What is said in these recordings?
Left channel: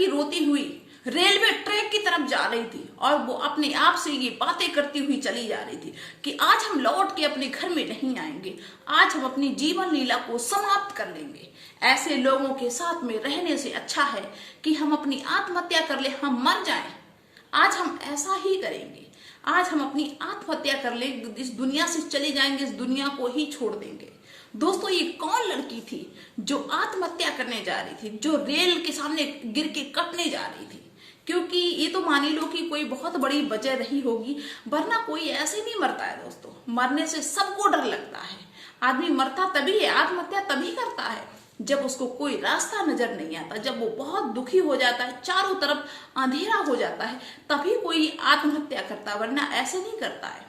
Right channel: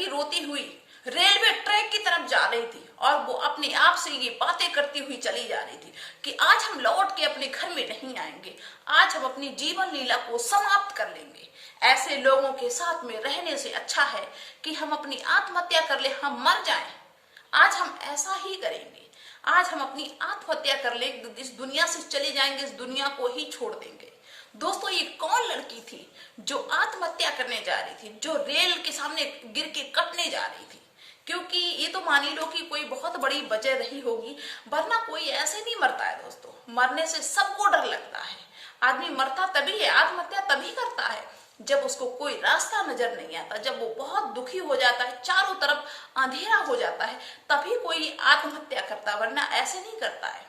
लड़की रोती हुई रेलवे ट्रैक की तरफ जा रही थी और वो अपने आप से ये बातें करती हुई चली जा रही थी कि आज हम लौट के अपने घर में नहीं आएंगे, आज हम अपनी जीवन लीला को समाप्त कर लेंगे। ऐसे लोगों के साथ में रहने से अच्छा है कि हम अपनी आत्महत्या कर ले, हम मर जाएं। आज हम ऐसा ही करेंगे, आज हम अपनी आत्महत्या कर ले, इस दुनिया से चले जाएंगे, इस दुनिया को ही छोड़ देंगे। दोस्तों, ये कौन लड़की थी जो आत्महत्या करने जा रही थी, जो रेल के सामने गिर के कटने जा रही थी? क्योंकि ये तो मान ही लो कि कोई बहुत बड़ी वजह रही होगी, वरना कोई ऐसे नहीं मरता है। दोस्तों, मरने से सबको डर लगता है। आदमी मरता तभी है, आत्महत्या तभी करता है जब उसको कोई रास्ता नजर नहीं आता, जब वो बहुत दुखी हो जाता है, चारों तरफ अंधेरा हो जाता है, तभी कोई आत्महत्या करता है, वरना ऐसे नहीं करता है।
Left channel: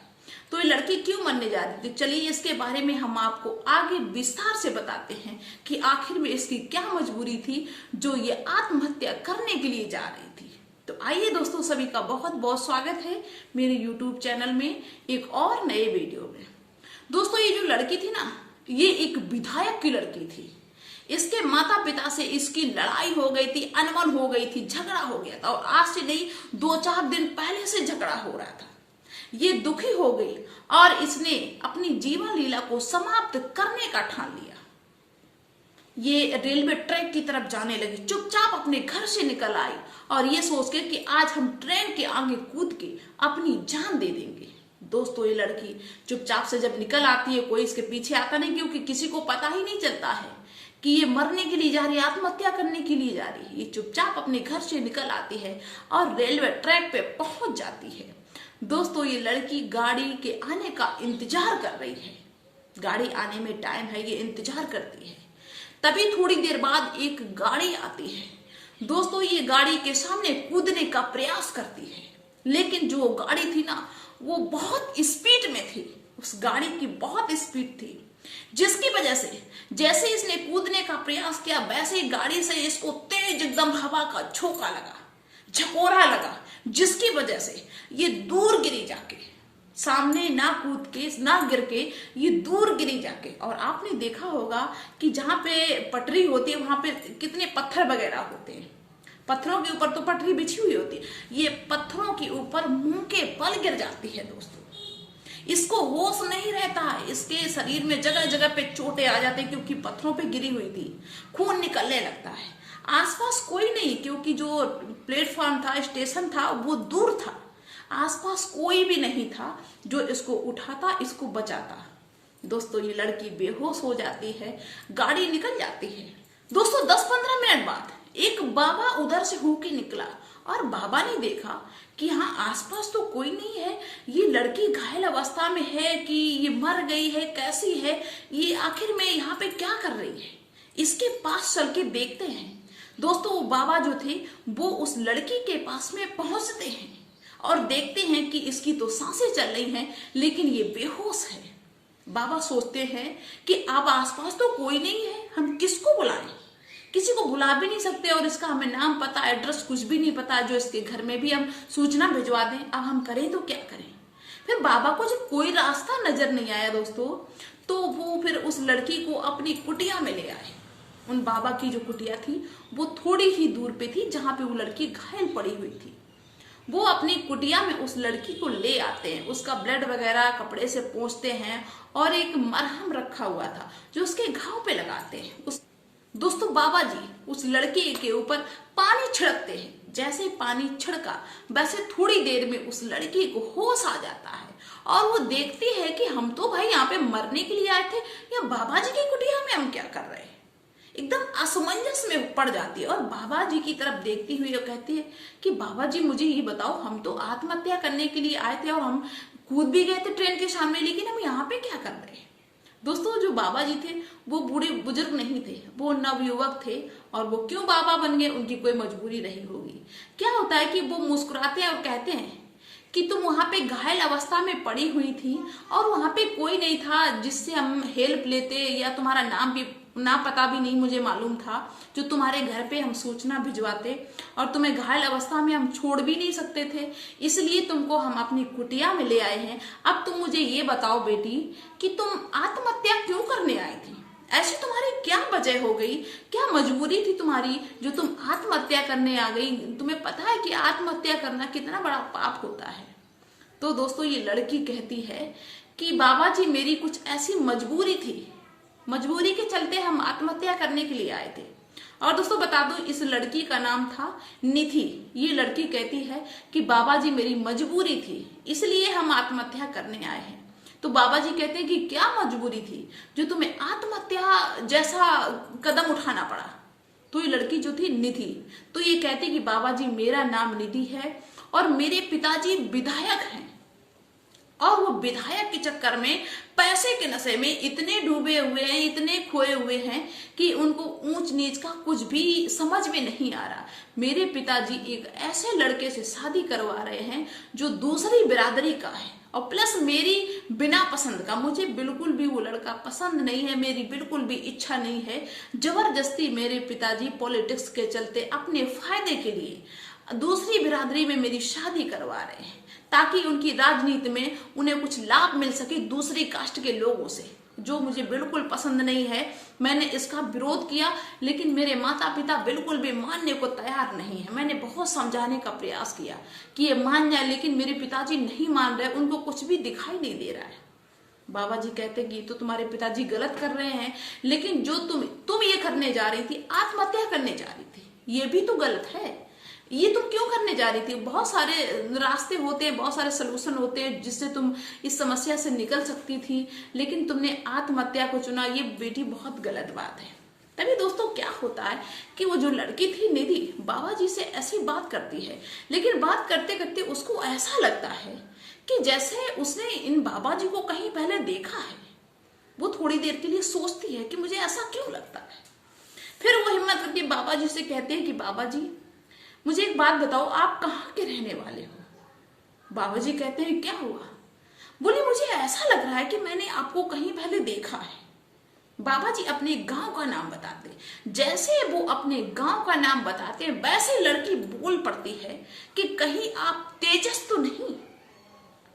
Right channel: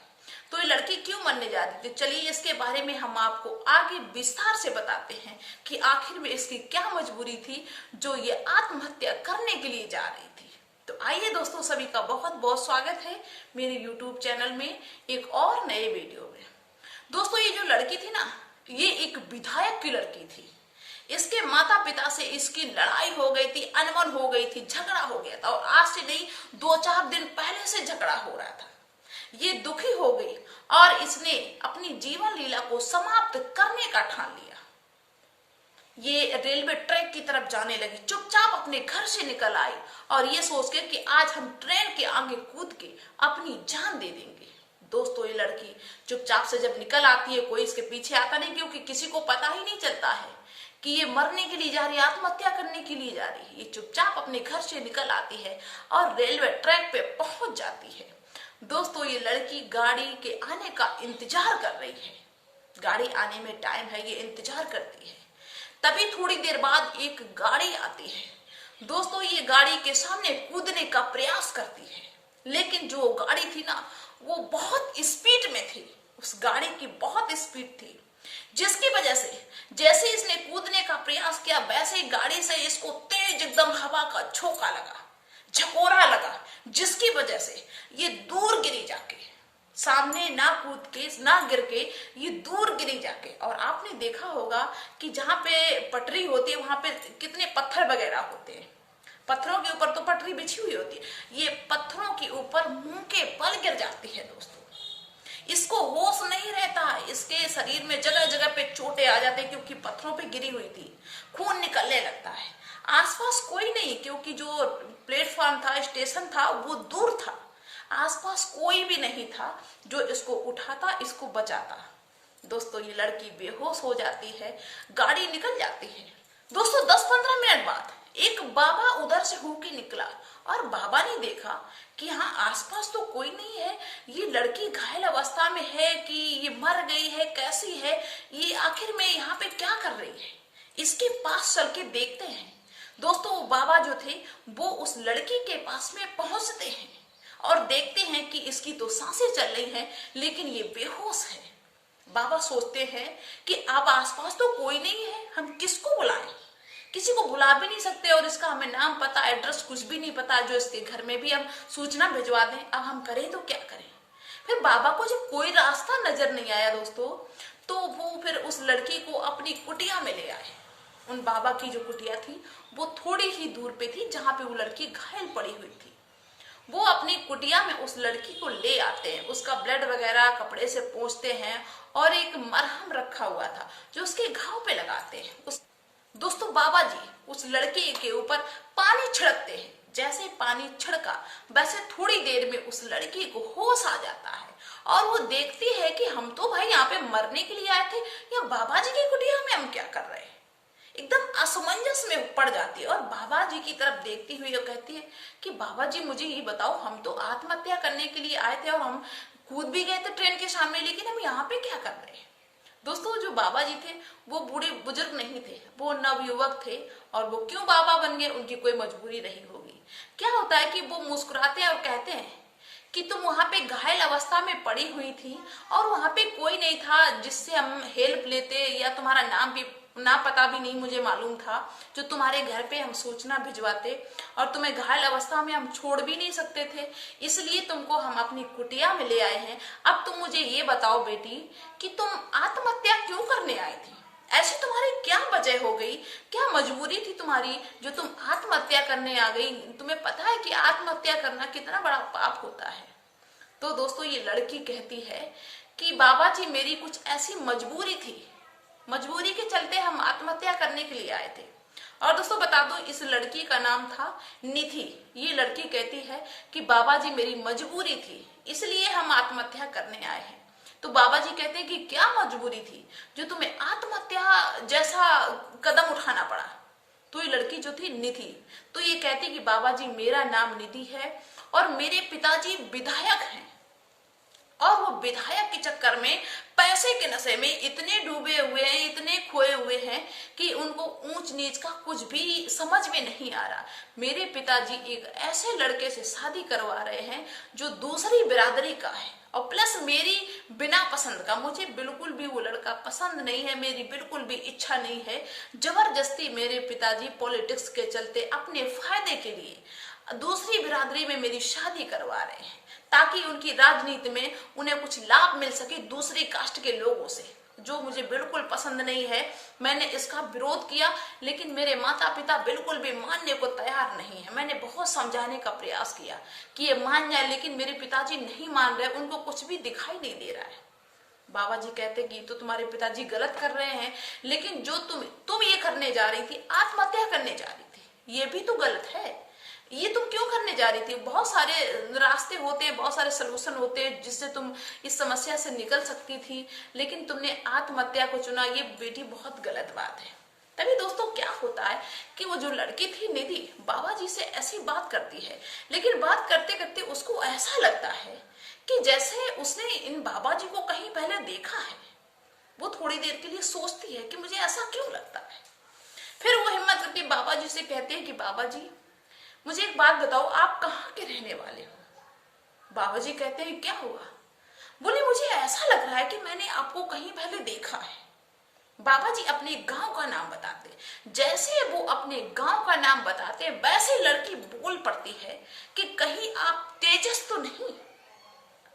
तो ये लड़की क्यों मरने जा रही थी, चलिए इसके बारे में हम आपको आगे विस्तार से बताते हैं कि आखिर में इसकी क्या मजबूरी थी जो ये आत्महत्या करने के लिए जा रही थी। तो आइए दोस्तों, सभी का बहुत बहुत स्वागत है मेरे YouTube चैनल में एक और नए वीडियो में। दोस्तों, ये जो लड़की थी ना, ये एक विधायक की लड़की थी। इसके माता पिता से इसकी लड़ाई हो गई थी, अनबन हो गई थी, झगड़ा हो गया था और आज से नहीं 2-4 दिन पहले से झगड़ा हो रहा था। ये दुखी हो गई और इसने अपनी जीवन लीला को समाप्त करने का ठान लिया। ये रेलवे ट्रैक की तरफ जाने लगी, चुपचाप अपने घर से निकल आई और ये सोच के कि आज हम ट्रेन के आगे कूद के अपनी जान दे देंगे। दोस्तों, ये लड़की चुपचाप से जब निकल आती है, कोई इसके पीछे आता नहीं, क्योंकि किसी को पता ही नहीं चलता है कि ये मरने के लिए जा रही है, आत्महत्या करने के लिए जा रही है। ये चुपचाप अपने घर से निकल आती है और रेलवे ट्रैक पे पहुंच जाती है। दोस्तों, ये लड़की गाड़ी के आने का इंतजार कर रही है। गाड़ी आने में टाइम है, ये इंतजार करती है। तभी थोड़ी देर बाद एक गाड़ी आती है। दोस्तों, ये गाड़ी के सामने कूदने का प्रयास करती है, लेकिन जो गाड़ी थी ना, वो बहुत स्पीड में थी। उस गाड़ी की बहुत स्पीड थी, जिसकी वजह से जैसे इसने कूदने का प्रयास किया, वैसे ही गाड़ी से इसको तेज एकदम हवा का झोंका लगा, झकोरा लगा, जिसकी वजह से ये दूर गिरी जाके, सामने ना कूद के ना गिर के, ये दूर गिरी जाके। और आपने देखा होगा कि जहां पे पटरी होती है वहां पे कितने पत्थर वगैरह होते हैं, पत्थरों के ऊपर तो पटरी बिछी हुई होती है, ये पत्थरों के ऊपर मुंह के बल गिर जाती है। दोस्तों, इसको होश नहीं रहता, इसके शरीर में जगह जगह पे चोटें आ जाती है, क्योंकि पत्थरों पे गिरी हुई थी, खून निकलने लगता है। आसपास कोई नहीं, क्योंकि जो प्लेटफॉर्म था, स्टेशन था, वो दूर था, आसपास कोई भी नहीं था जो इसको उठाता, इसको बचाता। दोस्तों, ये लड़की बेहोश हो जाती है, गाड़ी निकल जाती है। दोस्तों, 10-15 मिनट बाद एक बाबा उधर से होके निकला और बाबा ने देखा कि हाँ, आसपास तो कोई नहीं है, ये लड़की घायल अवस्था में है कि ये मर गई है, कैसी है ये, आखिर में यहाँ पे क्या कर रही है, इसके पास चल के देखते हैं। दोस्तों, वो बाबा जो थे वो उस लड़की के पास में पहुंचते हैं और देखते हैं कि इसकी तो सांसें चल रही हैं, लेकिन ये बेहोश है। बाबा सोचते हैं कि अब आसपास तो कोई नहीं है, हम किसको बुलाएं, किसी को बुला भी नहीं सकते और इसका हमें नाम पता, एड्रेस कुछ भी नहीं पता, जो इसके घर में भी हम सूचना भिजवा दें, अब हम करें तो क्या करें। फिर बाबा को जब कोई रास्ता नजर नहीं आया दोस्तों, तो वो फिर उस लड़की को अपनी कुटिया में ले आए। उन बाबा की जो कुटिया थी वो थोड़ी ही दूर पे थी, जहां पे वो लड़की घायल पड़ी हुई थी। वो अपनी कुटिया में उस लड़की को ले आते हैं, उसका ब्लड वगैरह कपड़े से पोंछते हैं और एक मरहम रखा हुआ था जो उसके घाव पे लगाते हैं। दोस्तों, बाबा जी उस लड़की के ऊपर पानी छिड़कते हैं। जैसे पानी छिड़का, वैसे थोड़ी देर में उस लड़की को होश आ जाता है और वो देखती है कि हम तो भाई यहाँ पे मरने के लिए आए थे, या बाबा जी की कुटिया में हम क्या कर रहे हैं। एकदम असमंजस में पड़ जाती है और बाबा जी की तरफ देखती हुई वो कहती है कि बाबा जी, मुझे ये बताओ, हम तो आत्महत्या करने के लिए आए थे और हम कूद भी गए थे ट्रेन के सामने, लेकिन हम यहाँ पे क्या कर रहे हैं। दोस्तों, जो बाबा जी थे वो बूढ़े बुजुर्ग नहीं थे, वो नवयुवक थे और वो क्यों बाबा बन गए, उनकी कोई मजबूरी रही होगी। क्या होता है कि वो मुस्कुराते हैं और कहते हैं कि तुम वहां पे घायल अवस्था में पड़ी हुई थी और वहां पे कोई नहीं था जिससे हम हेल्प लेते, या तुम्हारा नाम भी ना पता भी नहीं मुझे मालूम था, जो तुम्हारे घर पे हम सूचना भिजवाते, और तुम्हें घायल अवस्था में हम छोड़ भी नहीं सकते थे, इसलिए तुमको हम अपनी कुटिया में ले आए हैं। अब तुम मुझे ये बताओ बेटी कि तुम आत्महत्या क्यों करने आई थी, ऐसी तुम्हारी क्या वजह हो गई, क्या मजबूरी थी तुम्हारी जो तुम आत्महत्या करने आ गई? तुम्हें पता है कि आत्महत्या करना कितना बड़ा पाप होता है। तो दोस्तों ये लड़की कहती है कि बाबा जी मेरी कुछ ऐसी मजबूरी थी, मजबूरी के चलते हम आत्महत्या करने के लिए आए थे। और दोस्तों बता दो इस लड़की का नाम था निधि। ये लड़की कहती है कि बाबा जी मेरी मजबूरी थी इसलिए हम आत्महत्या करने आए हैं। तो बाबा जी कहते हैं कि क्या मजबूरी थी जो तुम्हें आत्महत्या जैसा कदम उठाना पड़ा? तो ये लड़की जो थी निधि, तो ये कहती कि बाबा जी मेरा नाम निधि है और मेरे पिताजी विधायक हैं और वो विधायक के चक्कर में पैसे के नशे में इतने डूबे हुए हैं, इतने खोए हुए हैं कि उनको ऊंच नीच का कुछ भी समझ में नहीं आ रहा। मेरे पिताजी एक ऐसे लड़के से शादी करवा रहे हैं जो दूसरी बिरादरी का है और प्लस मेरी बिना पसंद का, मुझे बिल्कुल भी वो लड़का पसंद नहीं है, मेरी बिल्कुल भी इच्छा नहीं है। जबरदस्ती मेरे पिताजी पॉलिटिक्स के चलते अपने फायदे के लिए दूसरी बिरादरी में मेरी शादी करवा रहे हैं ताकि उनकी राजनीति में उन्हें कुछ लाभ मिल सके दूसरी कास्ट के लोगों से, जो मुझे बिल्कुल पसंद नहीं है। मैंने इसका विरोध किया लेकिन मेरे माता पिता बिल्कुल भी मानने को तैयार नहीं है। मैंने बहुत समझाने का प्रयास किया कि ये मान जाए लेकिन मेरे पिताजी नहीं मान रहे, उनको कुछ भी दिखाई नहीं दे रहा है। बाबा जी कहते कि तो तुम्हारे पिताजी गलत कर रहे हैं, लेकिन जो तुम ये करने जा रही थी, आत्महत्या करने जा रही थी, ये भी तो गलत है। ये तुम क्यों करने जा रही थी? बहुत सारे रास्ते होते हैं, बहुत सारे सलूशन होते हैं जिससे तुम इस समस्या से निकल सकती थी, लेकिन तुमने आत्महत्या को चुना। ये बेटी बहुत गलत बात है। तभी दोस्तों क्या होता है कि वो जो लड़की थी निधि बाबा जी से ऐसी बात करती है, लेकिन बात करते करते उसको ऐसा लगता है कि जैसे उसने इन बाबा जी को कहीं पहले देखा है। वो थोड़ी देर के लिए सोचती है कि मुझे ऐसा क्यों लगता है। फिर वो हिम्मत करके बाबा जी से कहती है कि बाबा जी मुझे एक बात बताओ, आप कहाँ के रहने वाले हो? बाबा जी कहते हैं क्या हुआ? बोले मुझे ऐसा लग रहा है कि मैंने आपको कहीं पहले देखा है। बाबा जी अपने गांव का नाम बताते, जैसे वो अपने गांव का नाम बताते वैसे लड़की बोल पड़ती है कि कहीं आप तेजस तो नहीं?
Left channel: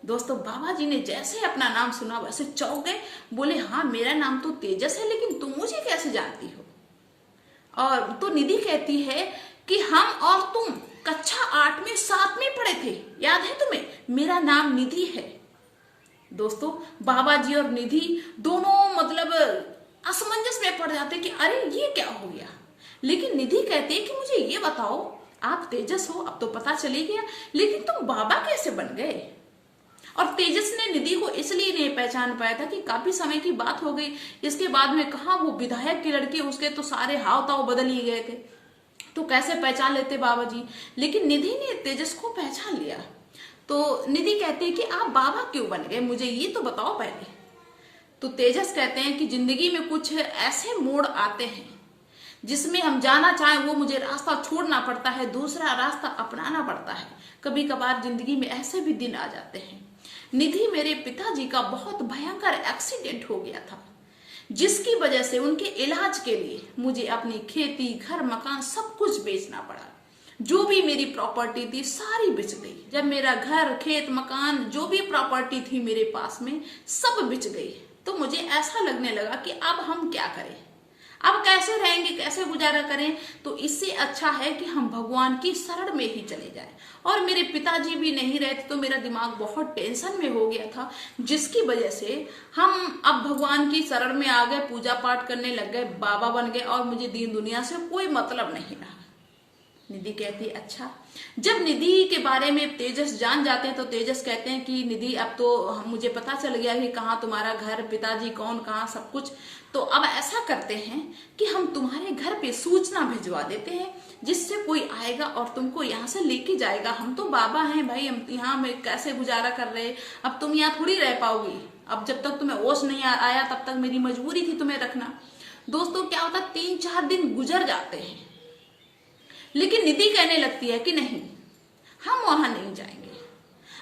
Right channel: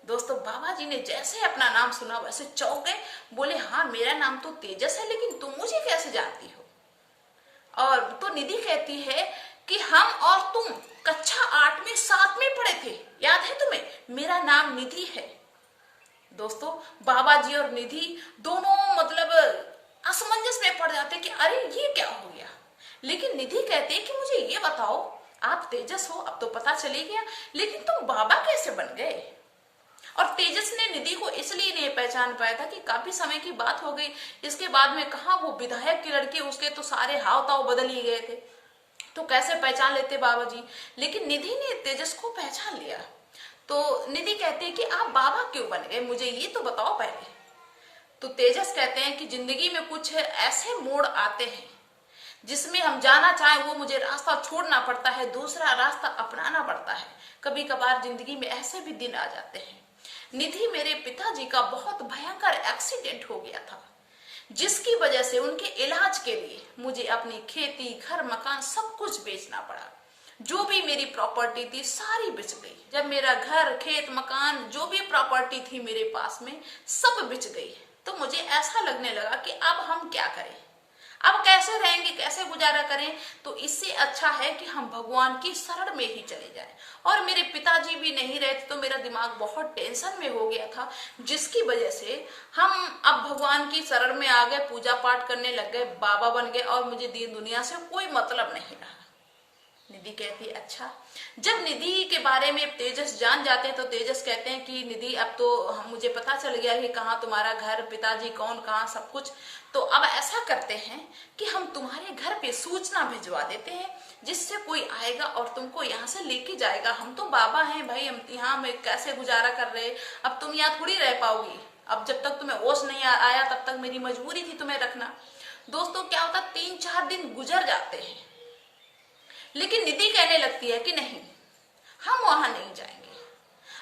दोस्तों बाबा जी ने जैसे अपना नाम सुना वैसे चौंक गए। बोले हाँ मेरा नाम तो तेजस है, लेकिन तुम मुझे कैसे जानती हो? और तो निधि कहती है कि हम और तुम कक्षा 8 में साथ में पढ़े थे, याद है तुम्हें? मेरा नाम निधि है। दोस्तों बाबा जी और निधि दोनों मतलब असमंजस में पड़ जाते कि अरे ये क्या हो गया। लेकिन निधि कहते हैं कि मुझे ये बताओ, आप तेजस हो अब तो पता चली गया, लेकिन तुम बाबा कैसे बन गए? और तेजस ने निधि को इसलिए नहीं पहचान पाया था कि काफी समय की बात हो गई। इसके बाद में कहा वो विधायक की लड़की, उसके तो सारे हाव ताव बदल ही गए थे, तो कैसे पहचान लेते बाबा जी। लेकिन निधि ने तेजस को पहचान लिया। तो निधि कहते हैं कि आप बाबा क्यों बन गए, मुझे ये तो बताओ पहले। तो तेजस कहते हैं कि जिंदगी में कुछ ऐसे मोड़ आते हैं जिसमें हम जाना चाहें वो मुझे रास्ता छोड़ना पड़ता है, दूसरा रास्ता अपनाना पड़ता है। कभी कभार जिंदगी में ऐसे भी दिन आ जाते हैं। निधि मेरे पिताजी का बहुत भयंकर एक्सीडेंट हो गया था, जिसकी वजह से उनके इलाज के लिए मुझे अपनी खेती, घर, मकान सब कुछ बेचना पड़ा। जो भी मेरी प्रॉपर्टी थी सारी बिच गई। जब मेरा घर, खेत, मकान, जो भी प्रॉपर्टी थी मेरे पास में सब बिच गई। तो मुझे ऐसा लगने लगा कि अब हम क्या करें, अब कैसे रहेंगे, कैसे गुजारा करें। तो इससे अच्छा है कि हम भगवान की शरण में ही चले जाएं। और मेरे पिताजी भी नहीं रहे थे तो मेरा दिमाग बहुत टेंशन में हो गया था, जिसकी वजह से हम अब भगवान की शरण में आ गए, पूजा पाठ करने लग गए, बाबा बन गए और मुझे दीन दुनिया से कोई मतलब नहीं रहा। निधि कहती अच्छा। जब निधि के बारे में तेजस जान जाते हैं तो तेजस कहते हैं कि निधि अब तो मुझे पता चल गया कि कहाँ तुम्हारा घर, पिताजी कौन, कहाँ सब कुछ। तो अब ऐसा करते हैं कि हम तुम्हारे घर पे सूचना भिजवा देते हैं, जिससे कोई आएगा और तुमको यहाँ से लेके जाएगा। हम तो बाबा हैं भाई, हम यहाँ में कैसे गुजारा कर रहे, अब तुम यहाँ थोड़ी रह पाओगी। अब जब तक तुम्हें होश नहीं आया तब तक मेरी मजबूरी थी तुम्हें रखना। दोस्तों क्या होता, 3-4 दिन गुजर जाते हैं, लेकिन निधि कहने लगती है कि नहीं, हम वहां नहीं जाएंगे।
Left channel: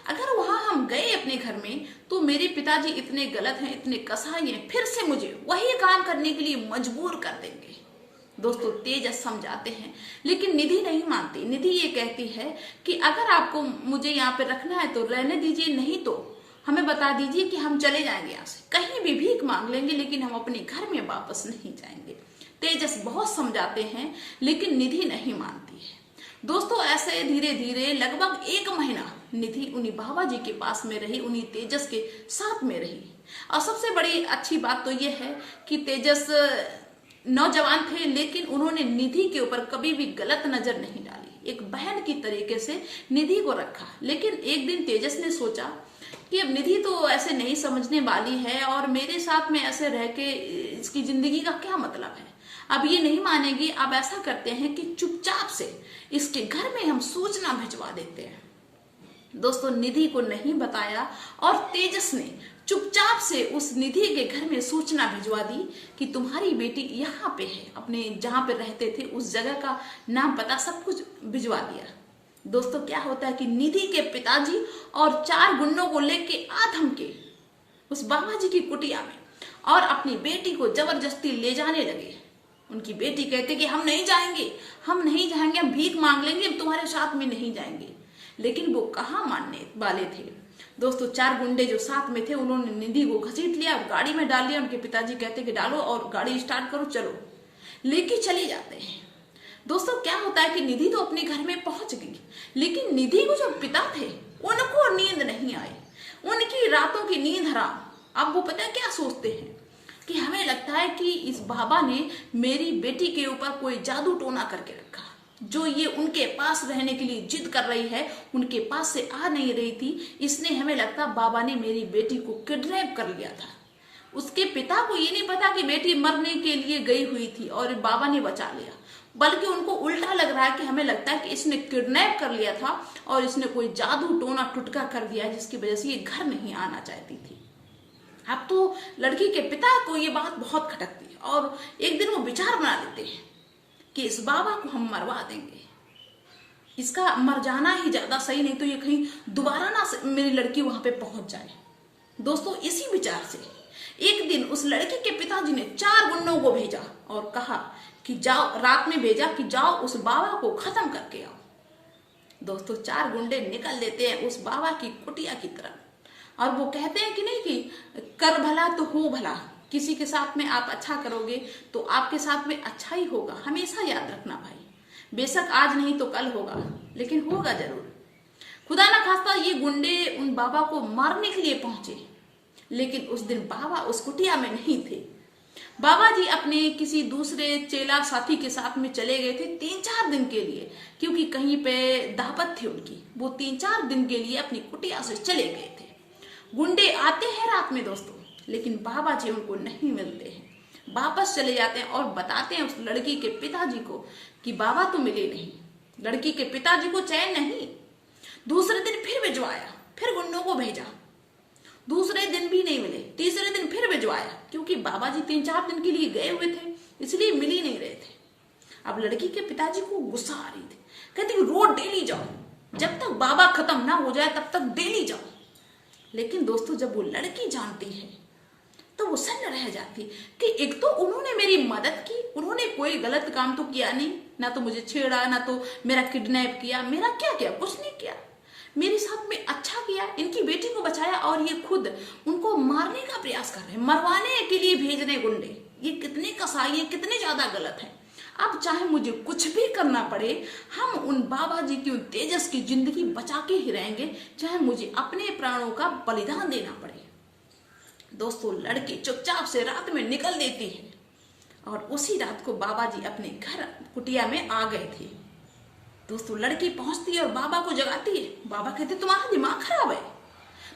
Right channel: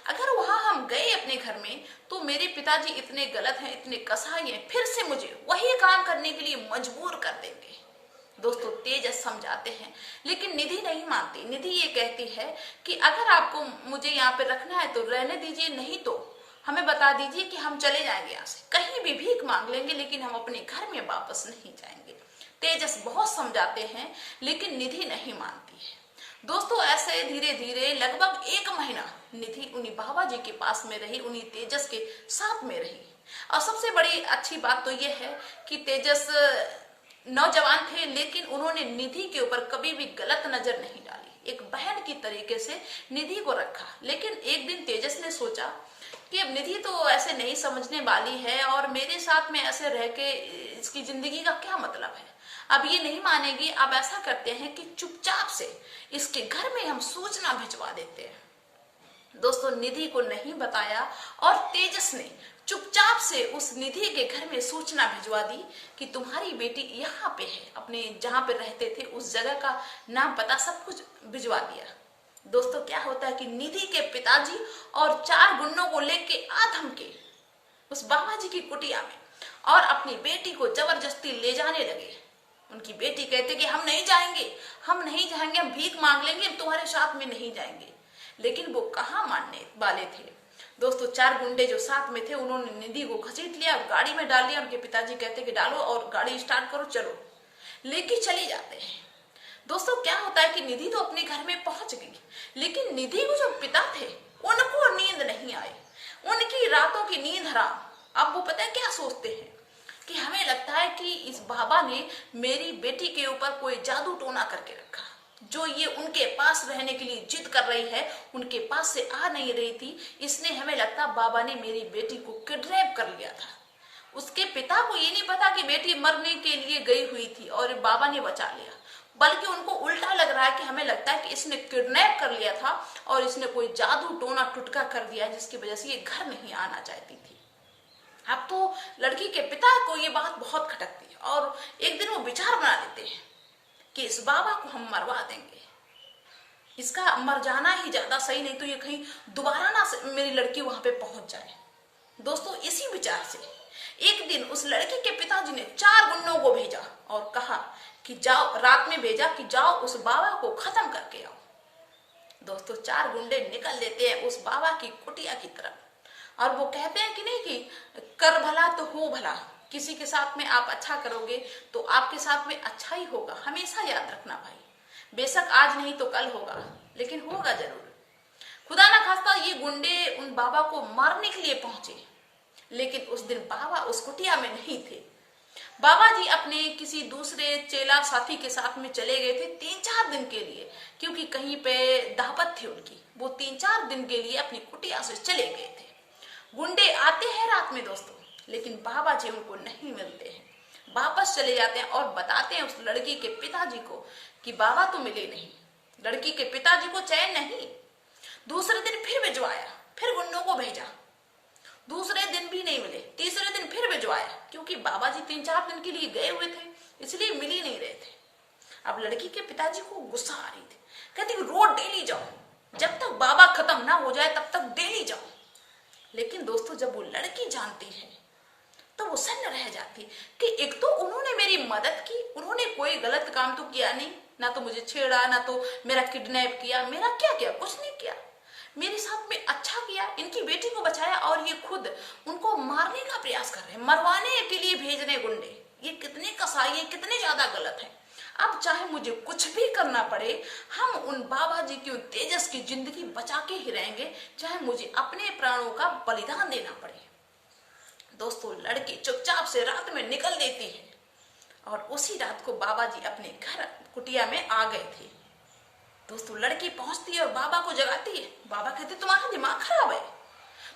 अगर वहां हम गए अपने घर में तो मेरे पिताजी इतने गलत हैं, इतने कसाई हैं, फिर से मुझे वही काम करने के लिए मजबूर कर देंगे। दोस्तों तेजस समझाते हैं, लेकिन निधि नहीं मानती। निधि ये कहती है कि अगर आपको मुझे यहाँ पे रखना है तो रहने दीजिए, नहीं तो हमें बता दीजिए कि हम चले जाएंगे यहाँ से, कहीं भी भीख मांग लेंगे, लेकिन हम अपने घर में वापस नहीं जाएंगे। तेजस बहुत समझाते हैं, लेकिन निधि नहीं मानती है। दोस्तों, ऐसे धीरे धीरे लगभग 1 महीना निधि उन्हीं बाबा जी के पास में रही, उन्हीं तेजस के साथ में रही। और सबसे बड़ी अच्छी बात तो ये है कि तेजस नौजवान थे, लेकिन उन्होंने निधि के ऊपर कभी भी गलत नजर नहीं डाली। एक बहन की तरीके से निधि को रखा। लेकिन एक दिन तेजस ने सोचा कि अब निधि तो ऐसे नहीं समझने वाली है, और मेरे साथ में ऐसे रह के इसकी जिंदगी का क्या मतलब है। अब ये नहीं मानेगी। अब ऐसा करते हैं कि चुपचाप से इसके घर में हम सूचना भिजवा देते हैं। दोस्तों, निधि को नहीं बताया, और तेजस ने चुपचाप से उस निधि के घर में सूचना भिजवा दी कि तुम्हारी बेटी यहाँ पे है। अपने जहां पे रहते थे उस जगह का नाम पता सब कुछ भिजवा दिया। दोस्तों, क्या होता है कि निधि के पिताजी और 4 गुंडों को लेके आधम के उस बाबा जी की कुटिया में और अपनी बेटी को जबरदस्ती ले जाने लगे। उनकी बेटी कहते कि हम नहीं जाएंगे, हम नहीं जाएंगे, हम भीख मांग लेंगे, हम तुम्हारे साथ में नहीं जाएंगे। लेकिन वो कहाँ मानने वाले थे। दोस्तों, 4 गुंडे जो साथ में थे उन्होंने निधि को घसीट लिया और गाड़ी में डाल लिया। उनके पिताजी कहते कि डालो और गाड़ी स्टार्ट करो, चलो। लेके चले जाते हैं। दोस्तों, क्या होता है कि निधि तो अपने घर में पहुंच गई, लेकिन निधि को जो पिता थे उनको नींद नहीं आई। उनकी रातों की नींद हराम। अब वो पता है क्या सोचते हैं कि हमें लगता है कि इस बाबा ने मेरी बेटी के ऊपर कोई जादू टोना करके रखा। जो ये उनके पास रहने के लिए जिद कर रही है, उनके पास से आ नहीं रही थी, इसने हमें लगता बाबा ने मेरी बेटी को किडनैप कर लिया था। उसके पिता को ये नहीं पता कि बेटी मरने के लिए गई हुई थी और बाबा ने बचा लिया, बल्कि उनको उल्टा लग रहा है कि हमें लगता है कि इसने किडनैप कर लिया था और इसने कोई जादू टोना टुटका कर दिया, जिसकी वजह से ये घर नहीं आना चाहती थी। अब तो लड़की के पिता को ये बात बहुत खटकती है, और एक दिन वो विचार बना लेते हैं कि इस बाबा को हम मरवा देंगे। इसका मर जाना ही ज्यादा सही, नहीं तो ये कहीं दोबारा ना मेरी लड़की वहां पे पहुंच जाए। दोस्तों, इसी विचार से एक दिन उस लड़के के पिताजी ने 4 गुंडों को भेजा और कहा कि जाओ, रात में भेजा कि जाओ उस बाबा को खत्म करके आओ। दोस्तों, 4 गुंडे निकल लेते हैं उस बाबा की कुटिया की तरफ, और वो कहते हैं कि नहीं कि कर भला तो हो भला। किसी के साथ में आप अच्छा करोगे तो आपके साथ में अच्छा ही होगा। हमेशा याद रखना भाई, बेशक आज नहीं तो कल होगा, लेकिन होगा जरूर। खुदा ना खास्ता ये गुंडे उन बाबा को मारने के लिए पहुंचे, लेकिन उस दिन बाबा उस कुटिया में नहीं थे। बाबा जी अपने किसी दूसरे चेला साथी के साथ में चले गए थे 3-4 दिन के लिए, क्योंकि कहीं पे दावत थी उनकी। वो 3-4 दिन के लिए अपनी कुटिया से चले गए थे। गुंडे आते हैं रात में दोस्तों, लेकिन बाबा जी उनको नहीं मिलते हैं। वापस चले जाते हैं और बताते हैं उस लड़की के पिताजी को कि बाबा तो मिले नहीं। लड़की के पिताजी को चैन नहीं। दूसरे दिन फिर भिजवाया, फिर गुंडों को भेजा, दूसरे दिन भी नहीं मिले। तीसरे दिन फिर भिजवाया, क्योंकि बाबा जी 3-4 दिन के लिए गए हुए थे, इसलिए मिल ही नहीं रहे थे। अब लड़की के पिताजी को गुस्सा आ रही थी, कहते रोज डेली जाओ, जब तक बाबा खत्म ना हो जाए तब तक डेली जाओ। लेकिन दोस्तों, जब वो लड़की जानती है तो वो सन्न रह जाती कि एक तो उन्होंने मेरी मदद की, उन्होंने कोई गलत काम तो किया नहीं, ना तो मुझे छेड़ा, ना तो मेरा किडनैप किया। मेरा क्या किया? कुछ नहीं किया। मेरे साथ में अच्छा किया, इनकी बेटी को बचाया, और ये खुद उनको मारने का प्रयास कर रहे हैं, मरवाने के लिए भेज रहे गुंडे। ये कितने कसाई हैं, कितने ज्यादा गलत हैं। अब चाहे मुझे कुछ भी करना पड़े, हम उन बाबा जी की, उन तेजस की जिंदगी बचा के ही रहेंगे, चाहे मुझे अपने प्राणों का बलिदान देना पड़े। दोस्तों, लड़की चुपचाप से रात में निकल देती है, और उसी रात को बाबा जी अपने घर कुटिया में आ गए थे। दोस्तों, लड़की पहुंचती है और बाबा को जगाती है। बाबा कहते तुम्हारा दिमाग खराब है,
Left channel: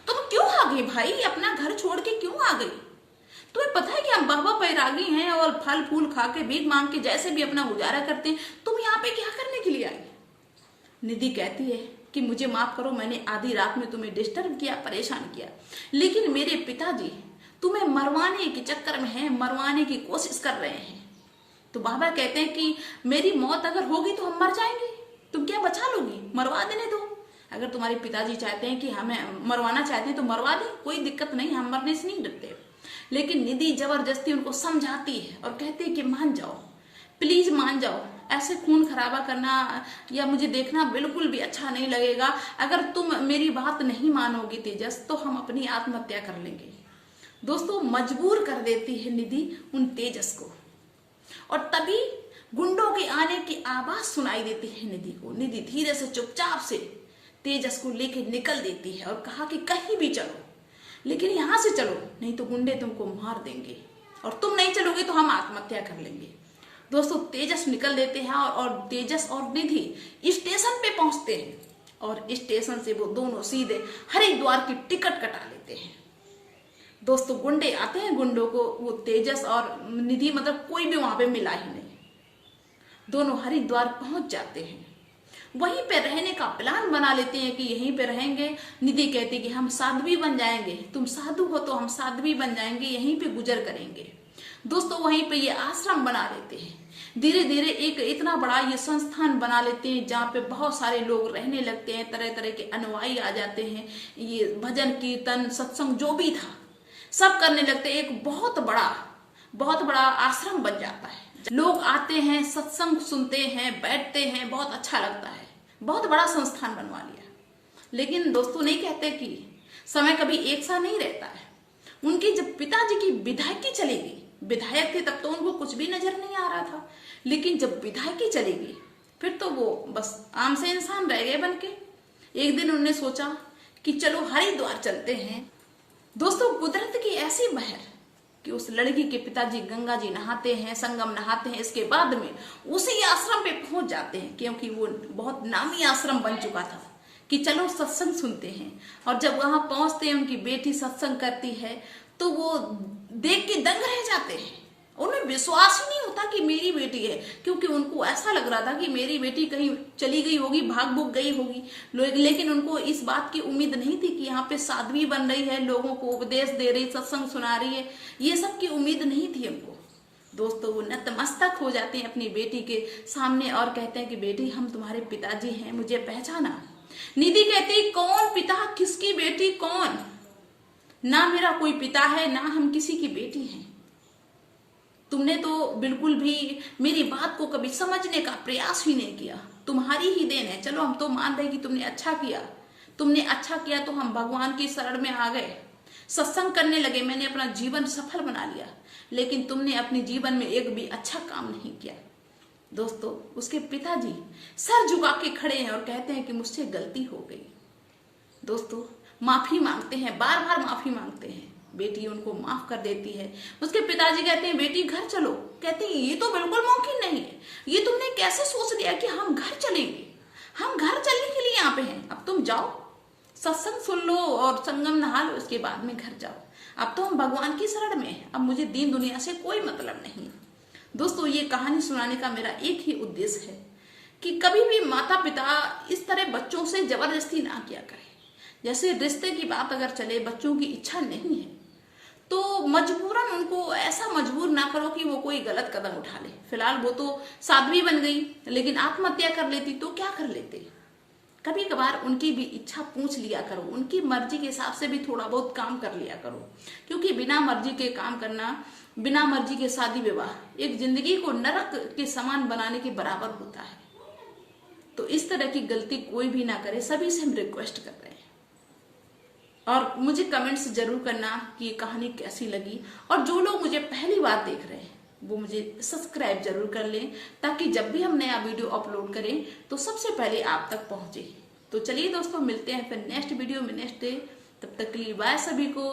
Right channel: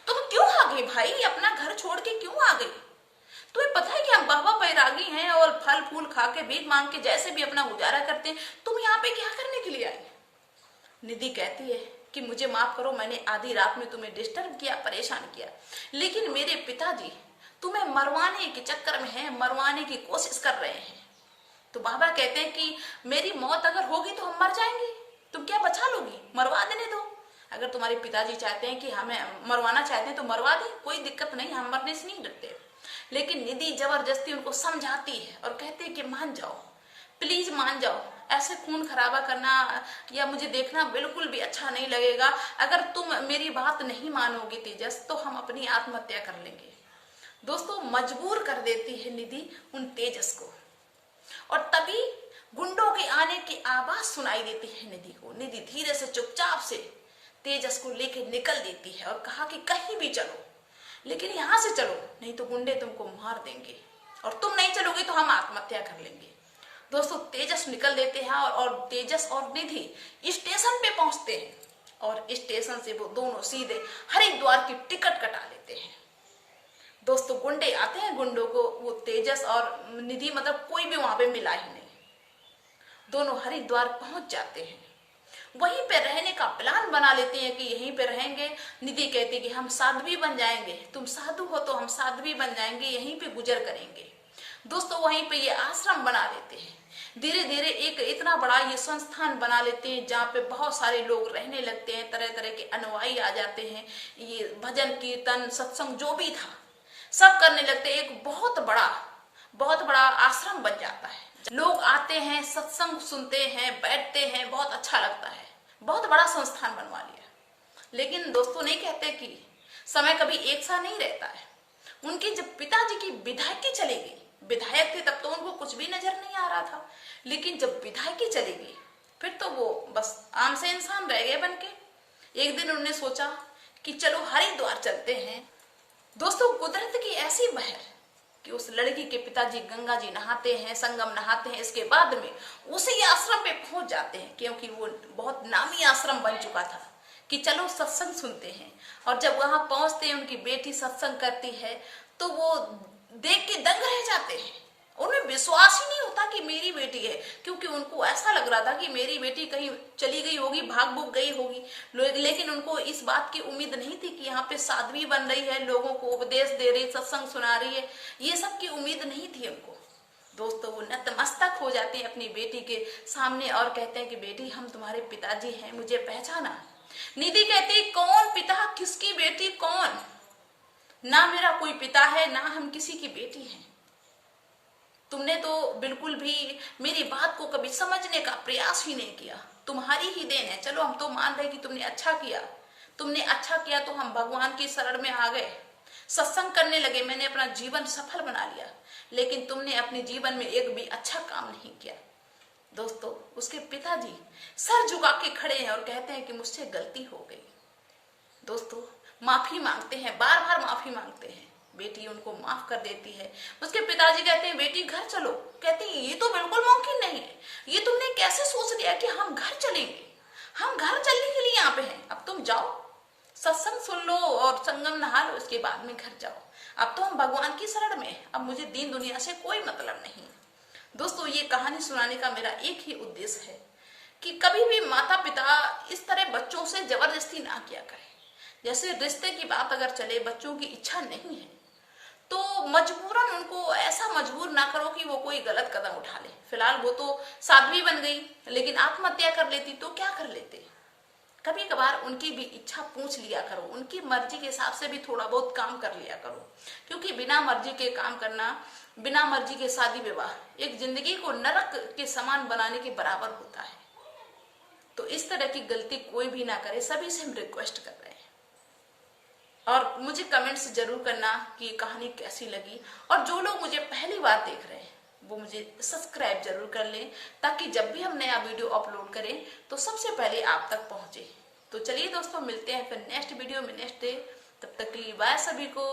तुम क्यों आ गई भाई, अपना घर छोड़ के क्यों आ गई? तुम्हें पता है कि हम बाबा बैरागी हैं और फल फूल खा के भीख मांग के जैसे भी अपना गुजारा करते हैं, तुम यहाँ पे क्या करने के लिए आई? निधि कहती है कि मुझे माफ करो, मैंने आधी रात में तुम्हें डिस्टर्ब किया, परेशान किया, लेकिन मेरे पिताजी तुम्हें मरवाने के चक्कर में हैं, मरवाने की कोशिश कर रहे हैं। तो बाबा कहते हैं कि मेरी मौत अगर होगी तो हम मर जाएंगे, तुम क्या बचा लोगी? मरवा देने दो। अगर तुम्हारे पिताजी चाहते हैं कि हमें मरवाना चाहते हैं तो मरवा दे, कोई दिक्कत नहीं, हम मरने से नहीं डरते। लेकिन निधि जबरदस्ती उनको समझाती है और कहती है कि मान जाओ, प्लीज मान जाओ, ऐसे खून खराबा करना या मुझे देखना बिल्कुल भी अच्छा नहीं लगेगा। अगर तुम मेरी बात नहीं मानोगी तेजस, तो हम अपनी आत्महत्या कर लेंगे। दोस्तों, मजबूर कर देती है निधि उन तेजस को, और तभी गुंडों के आने की आवाज सुनाई देती है निधि को। निधि धीरे से चुपचाप से तेजस को लेके निकल देती है और कहा कि कहीं भी चलो, लेकिन यहां से चलो, नहीं तो गुंडे तुमको मार देंगे, और तुम नहीं चलोगे तो हम आत्महत्या कर लेंगे। दोस्तों, तेजस निकल देते हैं और तेजस और निधि स्टेशन पे पहुंचते हैं, और स्टेशन से वो दोनों सीधे हरिद्वार की टिकट कटा लेते हैं। दोस्तों, गुंडे आते हैं, गुंडों को वो तेजस और निधि मतलब कोई भी वहां पे मिला ही नहीं। दोनों हरिद्वार पहुंच जाते हैं, वहीं पे रहने का प्लान बना लेते हैं कि यहीं पे रहेंगे। निधि कहती कि हम साध्वी बन जाएंगे, तुम साधु हो तो हम साध्वी बन जाएंगे, यहीं पे गुजर करेंगे। दोस्तों, वहीं पे ये आश्रम बना लेते हैं। धीरे धीरे एक इतना बड़ा ये संस्थान बना लेते हैं जहाँ पे बहुत सारे लोग रहने लगते हैं, तरह तरह के अनुयायी आ जाते हैं। ये भजन कीर्तन सत्संग जो भी था सब करने लगते हैं। एक बहुत बड़ा आश्रम बन जाता है। लोग आते हैं, सत्संग सुनते हैं, बैठते हैं, बहुत अच्छा लगता है। बहुत बड़ा संस्थान बनवा लिया। लेकिन दोस्तों, नहीं कहते कि समय कभी एक सा नहीं रहता है। उनकी जब पिताजी की विधायकी चलेगी, विधायक थे तब तो उनको कुछ भी नजर नहीं आ रहा था, लेकिन जब विधायकी चलेगी फिर तो वो बस आम से इंसान रह गए बन के। एक दिन उन्होंने सोचा कि चलो हरिद्वार चलते हैं। दोस्तों, कुदरत की ऐसी बहर कि उस लड़की के पिताजी गंगा जी नहाते हैं, संगम नहाते हैं, इसके बाद में उसी आश्रम पे पहुंच जाते हैं, क्योंकि वो बहुत नामी आश्रम बन चुका था कि चलो सत्संग सुनते हैं। और जब वहां पहुंचते हैं, उनकी बेटी सत्संग करती है तो वो देख के दंग रह जाते हैं। उन्हें विश्वास ही नहीं होता कि मेरी बेटी है, क्योंकि उनको ऐसा लग रहा था कि मेरी बेटी कहीं चली गई होगी, भाग भूग गई होगी। लेकिन उनको इस बात की उम्मीद नहीं थी कि यहाँ पे साध्वी बन रही है, लोगों को उपदेश दे रही, सत्संग सुना रही है। ये सब की उम्मीद नहीं थी उनको। दोस्तों, वो नतमस्तक हो जाते हैं अपनी बेटी के सामने और कहते हैं कि बेटी, हम तुम्हारे पिताजी हैं, मुझे पहचाना। निधि कहती, कौन पिता, किसकी बेटी, कौन? ना मेरा कोई पिता है, ना हम किसी की बेटी हैं। तुमने तो बिल्कुल भी मेरी बात को कभी समझने का प्रयास ही नहीं किया। तुम्हारी ही देन है। चलो, हम तो मान रहे कि तुमने अच्छा किया, तो हम भगवान की शरण में आ गए, सत्संग करने लगे, मैंने अपना जीवन सफल बना लिया। लेकिन तुमने अपने जीवन में एक भी अच्छा काम नहीं किया। दोस्तों, उसके पिताजी सर झुका के खड़े हैं और कहते हैं कि मुझसे गलती हो गई। दोस्तों, माफी मांगते हैं, बार बार माफी मांगते हैं। बेटी उनको माफ कर देती है। उसके पिताजी कहते हैं, बेटी घर चलो। कहते हैं, ये तो बिल्कुल मुमकिन नहीं है, ये तुमने कैसे सोच लिया कि हम घर चलेंगे? हम घर चलने के लिए यहाँ पे हैं। अब तुम जाओ, सत्संग सुन लो और संगम नहा लो, इसके बाद में घर जाओ। अब तो हम भगवान की शरण में, अब मुझे दीन दुनिया से कोई मतलब नहीं। दोस्तों, ये कहानी सुनाने का मेरा एक ही उद्देश्य है कि कभी भी माता पिता इस तरह बच्चों से जबरदस्ती ना किया करें। जैसे रिश्ते की बात अगर चले, बच्चों की इच्छा नहीं है तो मजबूरन उनको ऐसा मजबूर ना करो कि वो कोई गलत कदम उठा ले। फिलहाल वो तो साध्वी बन गई, लेकिन आत्महत्या कर लेती तो क्या कर लेते? कभी कभार उनकी भी इच्छा पूछ लिया करो, उनकी मर्जी के हिसाब से भी थोड़ा बहुत काम कर लिया करो, क्योंकि बिना मर्जी के काम करना, बिना मर्जी के शादी विवाह एक जिंदगी को नरक के समान बनाने के बराबर होता है। तो इस तरह की गलती कोई भी ना करे, सभी से हम रिक्वेस्ट कर रहे हैं। और मुझे कमेंट्स जरूर करना कि ये कहानी कैसी लगी, और जो लोग मुझे पहली बार देख रहे हैं वो मुझे सब्सक्राइब जरूर कर लें, ताकि जब भी हम नया वीडियो अपलोड करें तो सबसे पहले आप तक पहुंचे। तो चलिए दोस्तों, मिलते हैं फिर नेक्स्ट वीडियो में नेक्स्ट डे। तब तक के लिए बाय सभी को।